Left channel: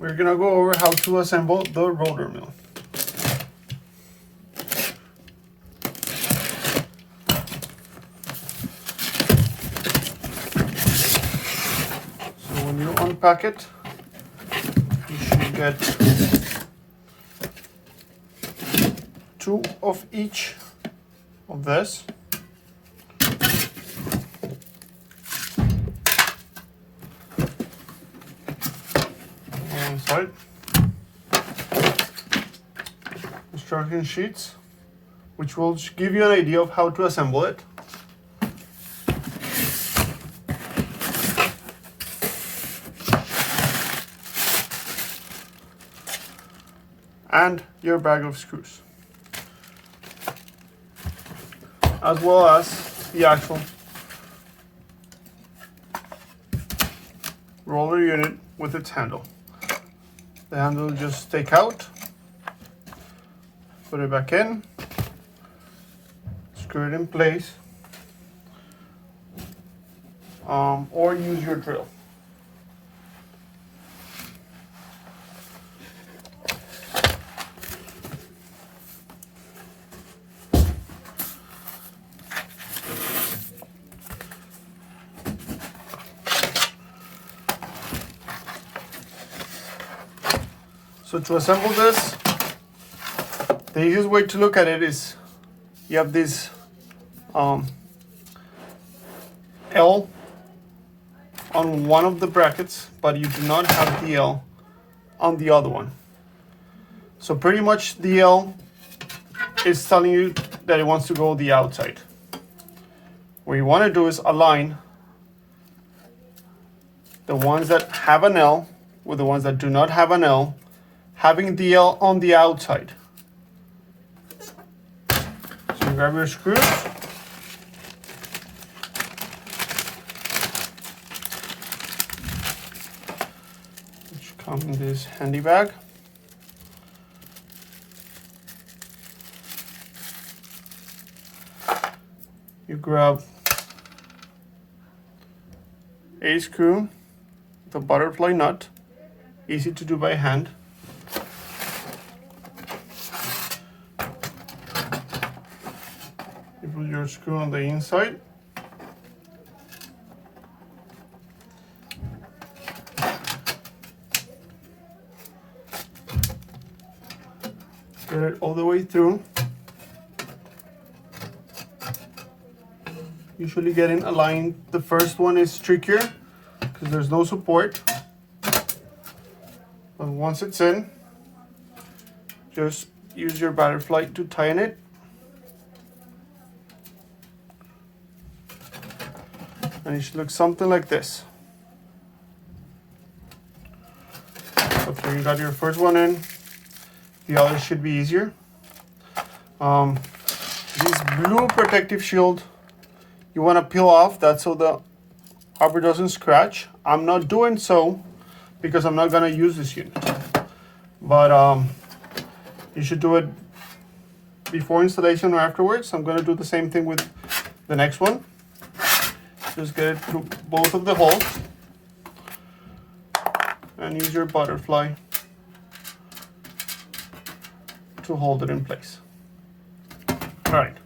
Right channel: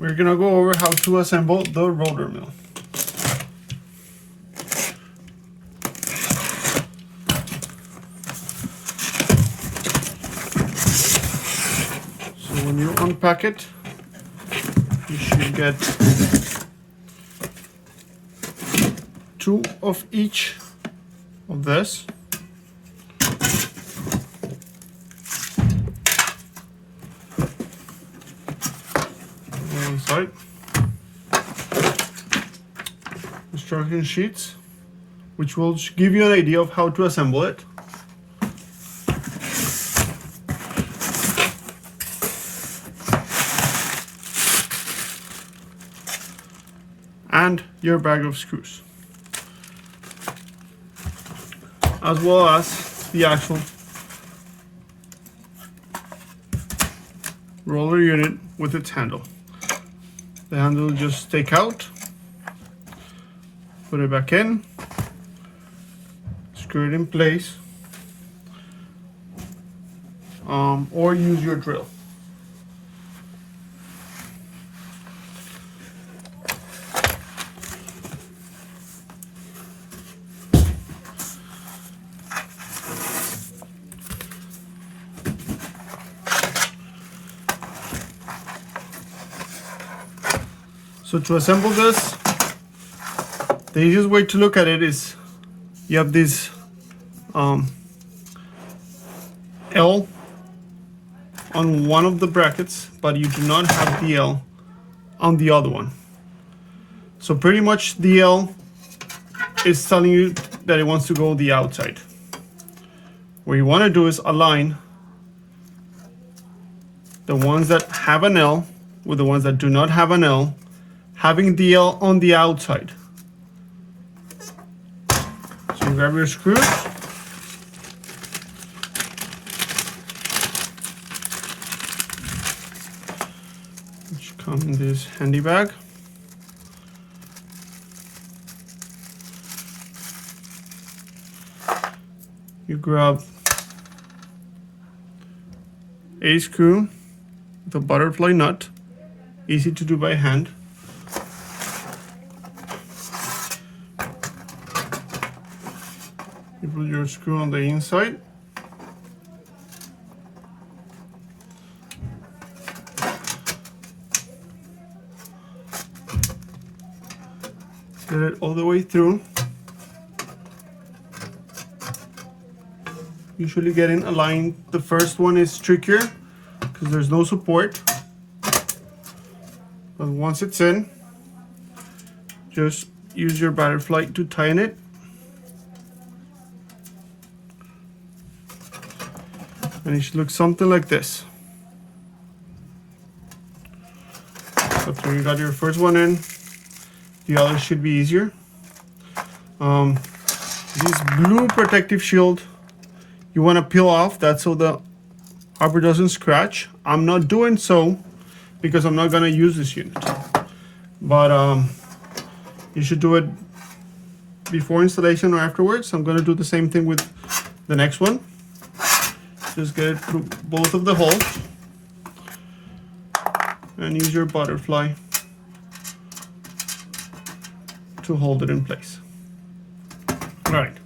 we're gonna go over how to assemble the roller mill. So when you unpack it, you should get 2 of each of this. Inside instruction sheets, which will give you an idea of how to assemble it. And your bag of screws, as well as the actual roller unit with its handle. The handle just take out, put it back in, screw it in place, or use your drill. So to assemble this, the easiest way to look at it is you have this L on one of the brackets, but you do not have the L on the other one. So pretty much the L is telling you that it wants to go the outside. What you want to do is align the ones that have an L with the ones that do not have an L, having the L on the outside. So you grab your screws, which come in this handy bag. You grab a screw with a butterfly nut, easy to do by hand. You put your screw on the inside. Get it all the way through. Usually getting aligned, the first one is trickier because there's no support. But once it's in, just use your butterfly to tighten it. And it should look something like this. So after you got your first one in, the other should be easier. This blue protective shield, you want to peel off. That's so the rubber doesn't scratch. I'm not doing so because I'm not going to use this unit. But you should do it before installation or afterwards. I'm going to do the same thing with the next one. Just get it through both of the holes and use your butterfly to hold it in place. All right,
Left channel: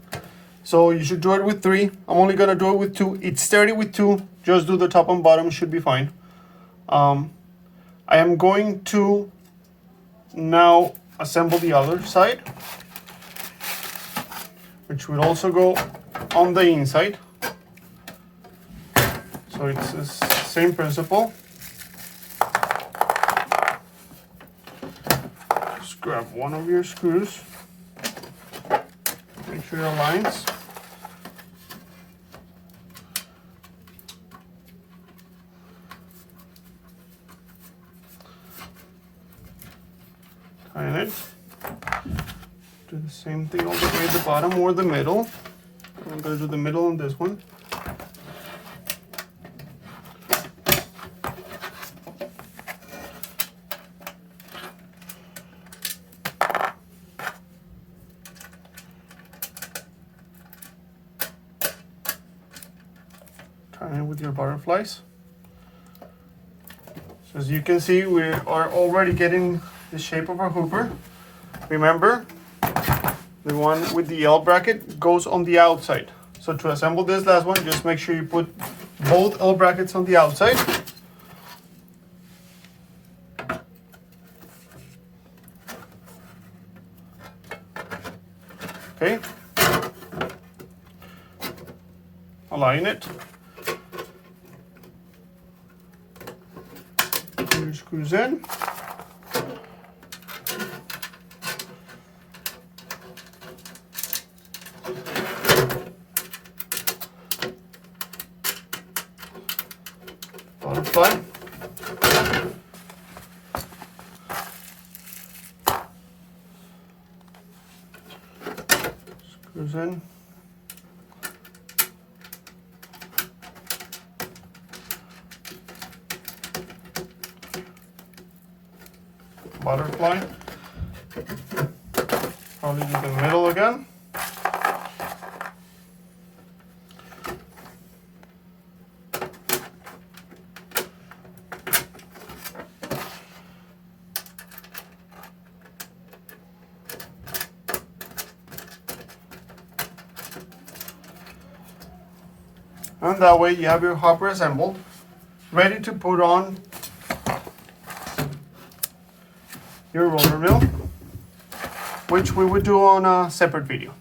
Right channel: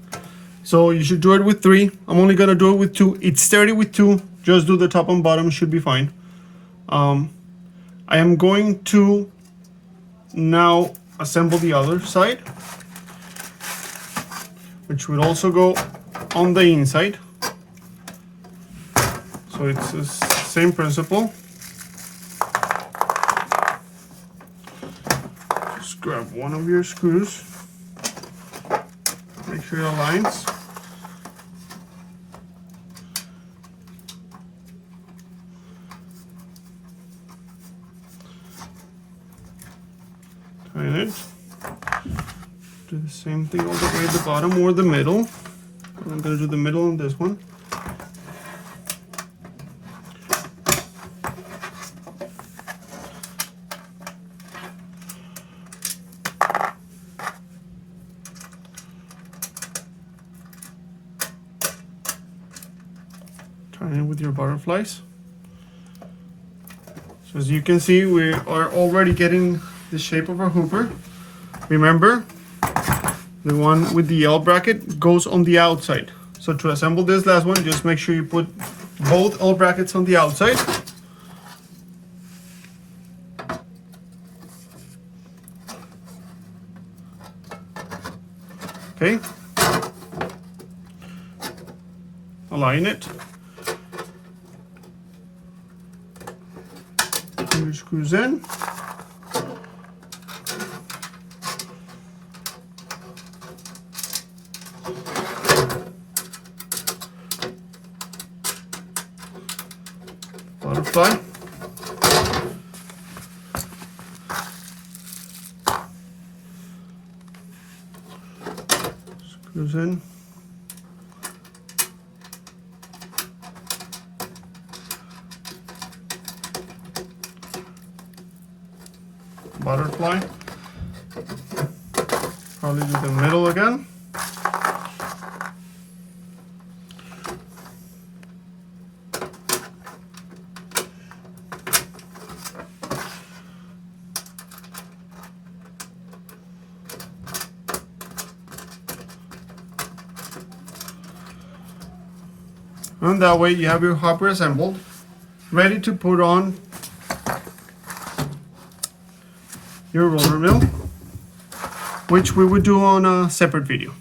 so you should do it with 3. I'm only gonna do it with 2. It's sturdy with 2. Just do the top and bottom, should be fine. I am going to now assemble the other side, which will also go on the inside. So it's the same principle. Just grab one of your screws, make sure it aligns. Tighten it. Do the same thing all the way at the bottom or the middle. I'm going to do the middle on this one. Tie in with your butterflies. So As you can see, we are already getting the shape of our hooper. Remember, the one with the L bracket goes on the outside. So to assemble this last one, just make sure you put both L brackets on the outside. Okay. Align it. Two screws in. Butterfly. Screws in. Butterfly. Probably do the middle again. And that way you have your hopper assembled, ready to put on your roller mill, which we would do on a separate video.